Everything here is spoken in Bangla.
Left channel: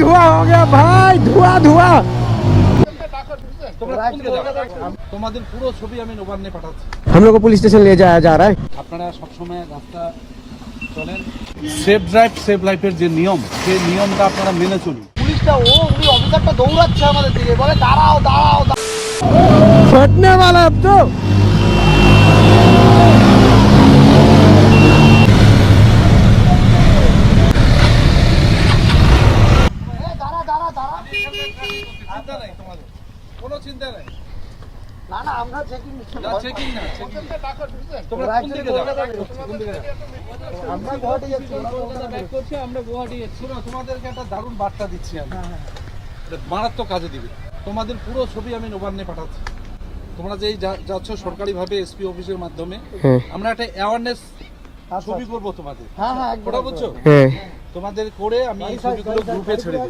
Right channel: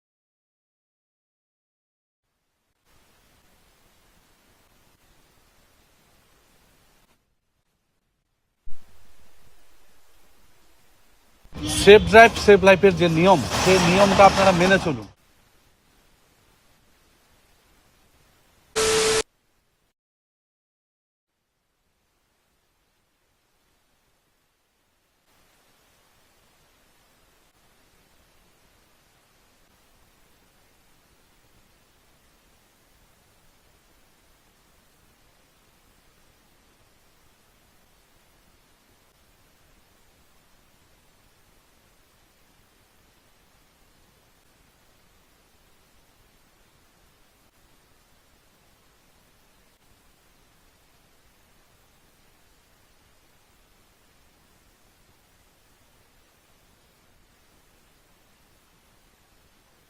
धुआं हो गया भाई, धुआं धुआं। তোমাদের পুরো ছবি আমি নবান্নে পাঠাচ্ছি। हम लोग को पुलिस स्टेशन ले जाया जा रहा है। আপনারা সবসময় রাস্তা চলেন, সেফ ড্রাইভ সেফ লাইফের যে নিয়ম, সেই নিয়মটা আপনারা মেনে চলুন। পুলিশটা উনি অফিসারটা দৌড়াচ্ছে আমাদের দিকে, বলে দাঁড়াও দাঁড়াও। फटने वाला अब तो। চিন্তা নাই তোমাদের, কোনো চিন্তা নাই। না না আমরা চেকিং চেকিং না, চেকিং। তোমরা কোন দিকে যাও? কোন দিকে যাও? আমরা গুয়াহাটি যাচ্ছি। শোনো, তোমাদেরকে একটা দারুণ বার্তা দিচ্ছি আমি, এটা মারাত্মক কাজে দিবে। তোমাদের পুরো ছবি আমি নবান্নে পাঠাচ্ছি। তোমরা যেই যাচ্ছ সরকারিভাবে এসপি অফিসের মাধ্যমে, আমরা একটা অ্যাওয়ারনেস ছবি করবো তোমাদের। হ্যাঁ হ্যাঁ ওটা বুঝছো? তোমাদের করে আমি এই ছবিগুলো গ্রুপে ছেড়ে দিই।